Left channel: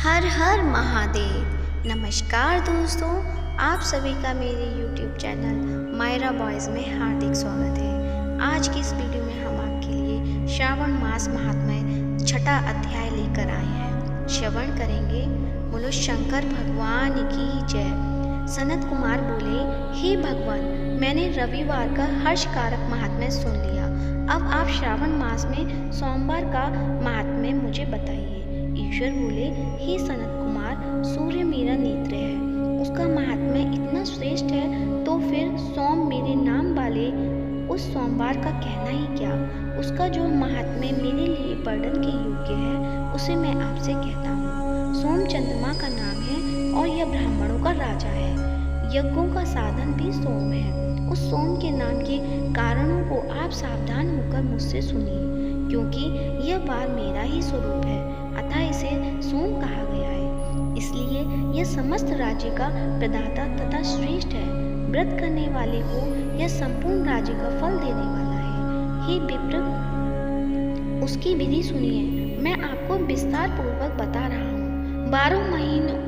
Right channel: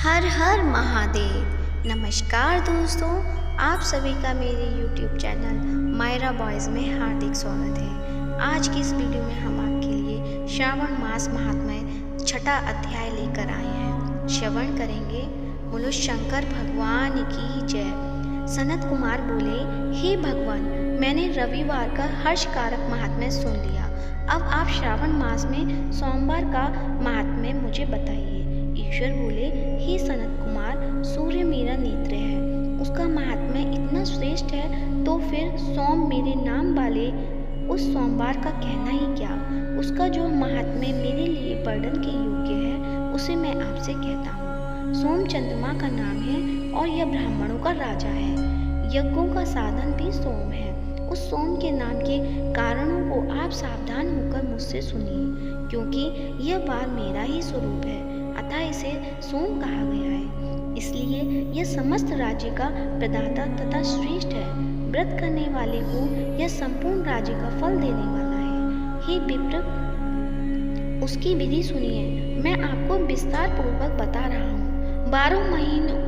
हर हर महादेव। नमस्कार दोस्तों, आप सभी का मेरे YouTube चैनल मायरा बॉयज़ में हार्दिक स्वागत है। आज की इस वीडियो में हम आपके लिए श्रावण मास महात्म्य छठा अध्याय लेकर आए हैं। श्रवण करेंगे। बोलो शंकर भगवान की जय। सनत कुमार बोले, हे भगवान, मैंने रविवार का हर्षकारक महात्म्य सुन लिया। अब आप श्रावण मास में सोमवार का महात्म्य मुझे बताइए। ईश्वर बोले, हे सनत कुमार, सूर्य मेरा नेत्र है, उसका महात्म्य इतना श्रेष्ठ है, तो फिर सोम मेरे नाम वाले उस सोमवार का कहना ही क्या। उसका जो महात्म्य मेरे लिए वर्णन के योग्य है, उसे मैं आपसे कहता हूँ। सोम चंद्रमा का नाम है और यह ब्राह्मणों का राजा है। यज्ञों का साधन भी सोम है। उस सोम के नाम के कारणों को आप सावधान होकर मुझसे सुनिए, क्योंकि यह बार मेरा ही स्वरूप है, अतः इसे सोम कहा गया है। इसलिए यह समस्त राज्य का प्रदाता तथा श्रेष्ठ है। व्रत करने वाले को यह संपूर्ण राज्य का फल देने वाला है। हे विप्र, उसकी विधि सुनिए। मैं आपको विस्तार पूर्वक बता रहा हूँ। 12 महीनों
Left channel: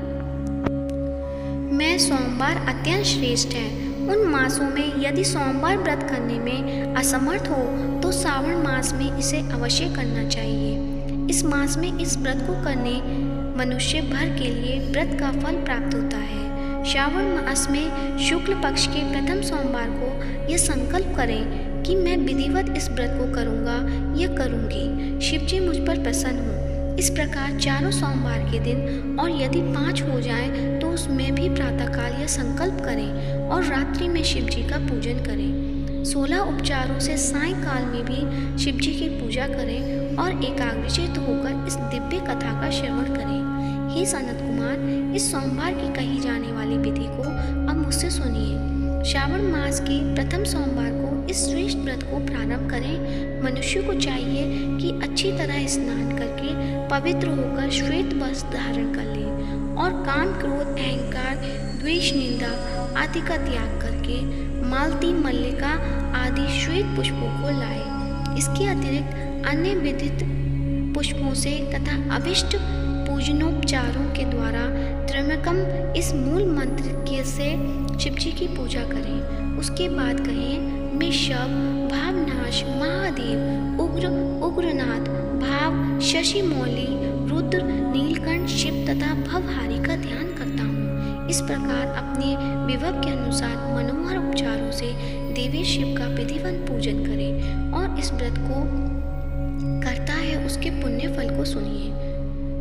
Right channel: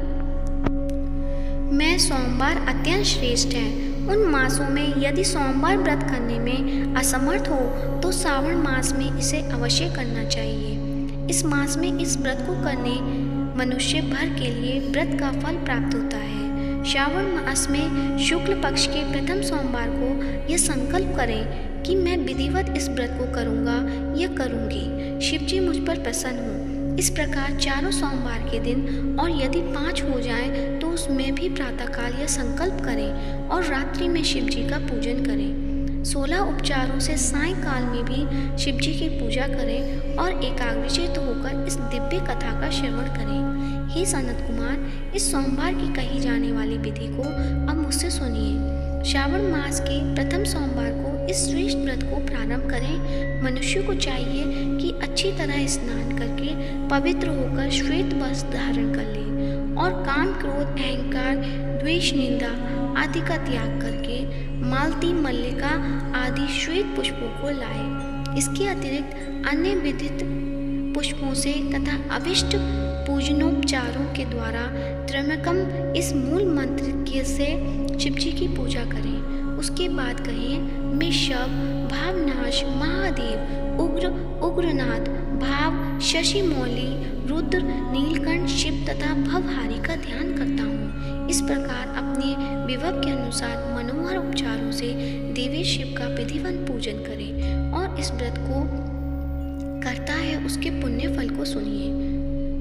में सोमवार अत्यंत श्रेष्ठ है। उन मासों में यदि सोमवार व्रत करने में असमर्थ हो तो श्रावण मास में इसे अवश्य करना चाहिए। इस मास में इस व्रत को करने मनुष्य भर के लिए व्रत का फल प्राप्त होता है। श्रावण मास में शुक्ल पक्ष के प्रथम सोमवार को यह संकल्प करें कि मैं विधिवत इस व्रत को करूँगा या करूँगी। शिव जी मुझ पर प्रसन्न हो। इस प्रकार चारों सोमवार के दिन और यदि 5 हो जाएं तो उसमें भी प्रातःकाल यह संकल्प करें और रात्रि में शिव जी का पूजन करें। 16 उपचारों से सायंकाल में भी शिव जी की पूजा करें और एकाग्रचित्त होकर इस दिव्य कथा का श्रवण करें। हे सनत कुमार, इस सोमवार की कही जाने वाली विधि को अब मुझसे सुनिए। श्रावण मास के प्रथम सोमवार को इस श्रेष्ठ व्रत को प्रारंभ करें। मनुष्य को चाहिए कि अच्छी तरह स्नान करके पवित्र होकर श्वेत वस्त्र धारण कर ले और काम, क्रोध, अहंकार, द्वेष, निंदा आदि का त्याग करके मालती, मल्लिका आदि श्वेत पुष्पों को लाए। इसके अतिरिक्त अन्य विदित पुष्पों से तथा अभिष्ट पूजनोपचारों के द्वारा त्र्यंबकम इस मूल मंत्र के से शिव जी की पूजा करें। उसके बाद कहें, मैं शव, भावनाश, महादेव, उग्र, उग्रनाथ, भाव, शशि मौली, रुद्र, नीलकंठ, शिव तथा भवहारी का ध्यान करता हूँ। इस प्रकार अपने विभव के अनुसार मनोहर उपचारों से देवी शिव का विधिवत पूजन करें और इस व्रत को करता है उसके पुण्य फल को सुनिए।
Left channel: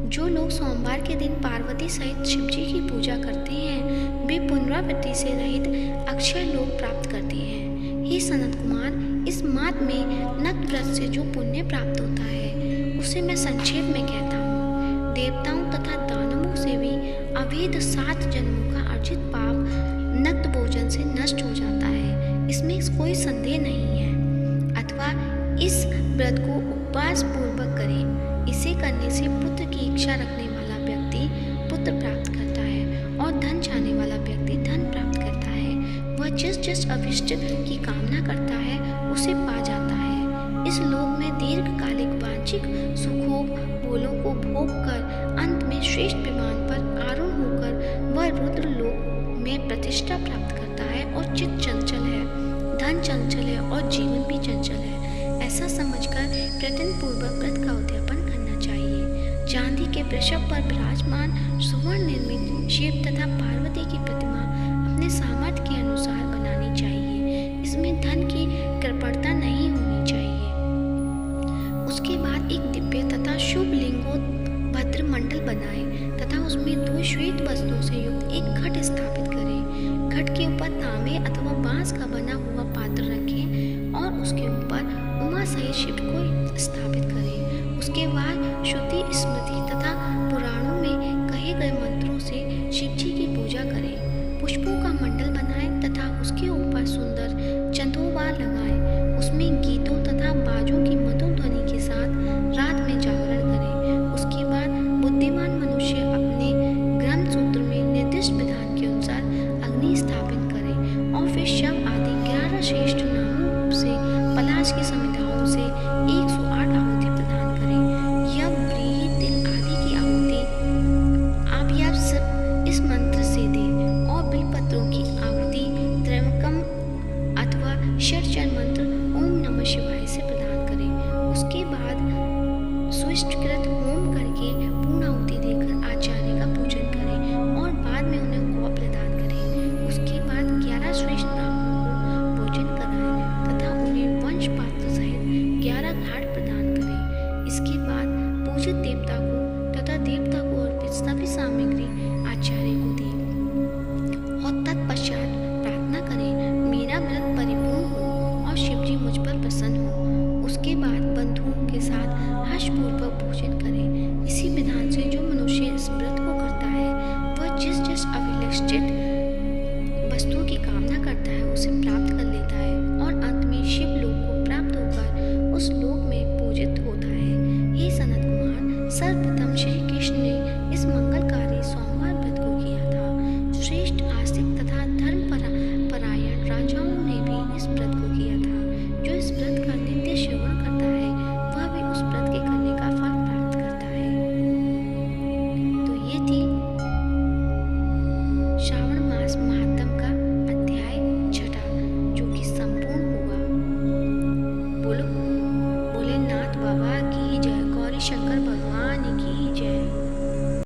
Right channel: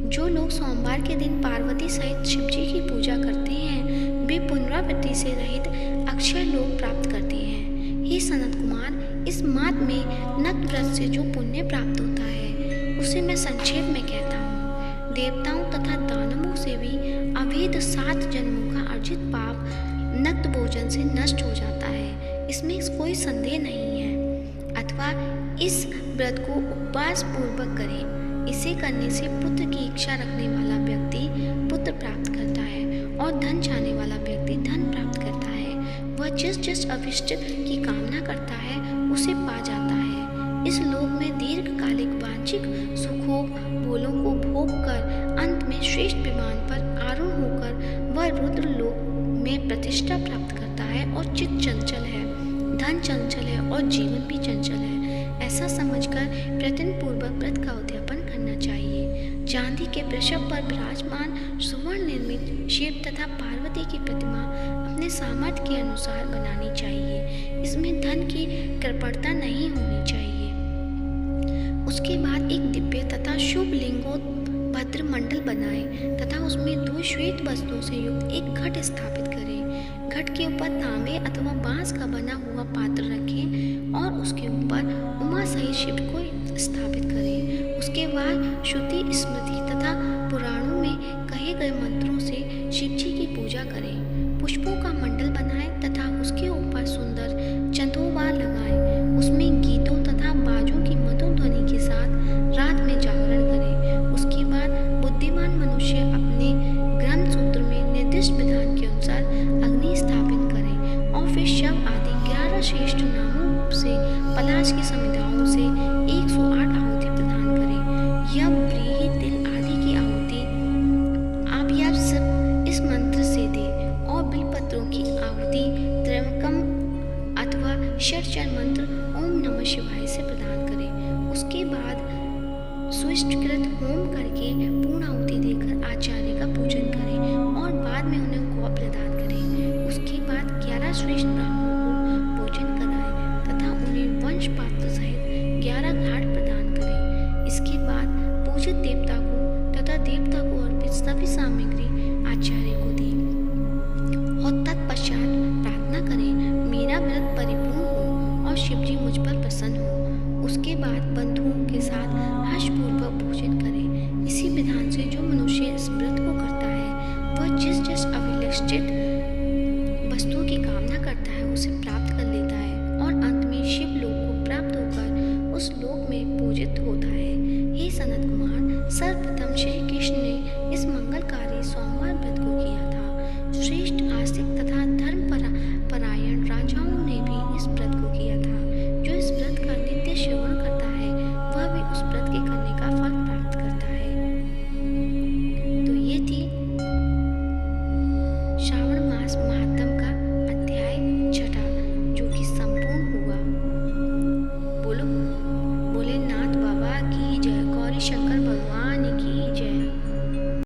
जो लोग सोमवार के दिन पार्वती सहित शिव जी की पूजा करते हैं, वे पुनरावृत्ति से रहित अक्षय लोक प्राप्त करते हैं। हे सनत कुमार, इस मास में नक्त व्रत से जो पुण्य प्राप्त होता है, उसे मैं संक्षेप में कहता हूँ। देवताओं तथा दानवों से भी अभेद 7 जन्मों का अर्जित पाप नक्त भोजन से नष्ट हो जाता है, इसमें कोई संदेह नहीं है। अथवा इस व्रत को उपवास पूर्वक करें। इसे करने से पुत्र की इच्छा रखने वाला व्यक्ति पुत्र प्राप्त करता है और धन चाहने वाला व्यक्ति धन प्राप्त करता है। वह जिस जिस अभिष्ट की कामना करता है उसे पा जाता है। इस लोक में दीर्घकालिक वांछिक सुखों बोलों को भोग कर अंत में श्रेष्ठ विमान पर आरूढ़ होकर वह रुद्र लोक में प्रतिष्ठा प्राप्त करता है। और चित्त चंचल है, धन चंचल है और जीवन भी चंचल है, ऐसा समझकर प्रयत्न पूर्वक व्रत का उद्यापन करना चाहिए। चांदी के वृषभ पर विराजमान सुवर्ण निर्मित शिव तथा पार्वती की प्रतिमा अपने सामर्थ्य के अनुसार बनानी चाहिए। इसमें धन की कृपणता नहीं होनी चाहिए। उसके बाद एक दिव्य तथा शुभ लिंगोत्भद्र मंडल बनाएं तथा उसमें 2 श्वेत वस्त्रों से युक्त एक घट स्थापित करें। घट के ऊपर तांबे अथवा बांस का बना हुआ पात्र रखें और उसके ऊपर उमा सहित शिव को स्थापित करें। उसके बाद श्रुति, स्मृति तथा पुराणों में कहे गए मंत्रों से शिव जी की पूजा करें। पुष्पों का मंडल बनाएं तथा उसके ऊपर सुंदर चंदोबा लगाएं। उसमें गीतों तथा बाजों की मधुर ध्वनि के साथ रात में जागरण करें। उसके बाद बुद्धिमान मनुष्य अपने ग्रंथ सूत्र में निर्दिष्ट विधान के अनुसार अग्नि स्थापित करें और फिर शव आदि 11 श्रेष्ठ नामों से पलाश की समिधाओं से 108 आहुति प्रदान करें। यह व्रीहि, तिल आदि की आहुति देवता को अर्पित सभी सामग्री आचार्य को दी और तत्पश्चात प्रार्थना करें, मेरा व्रत परिपूर्ण हो और शिवजी मुझ पर प्रसन्न हो। उसके बाद बंधुओं के साथ हर्षपूर्वक भोजन करें। इसी विधान से जो मनुष्य इस व्रत को करता है वह जिस जिस अभिलषित वस्तुओं की कामना करता है उसे प्राप्त कर लेता है और अंत में शिव लोक को प्राप्त उस लोक में पूजित होता है। हे सनत कुमार, सर्वप्रथम श्री कृष्ण ने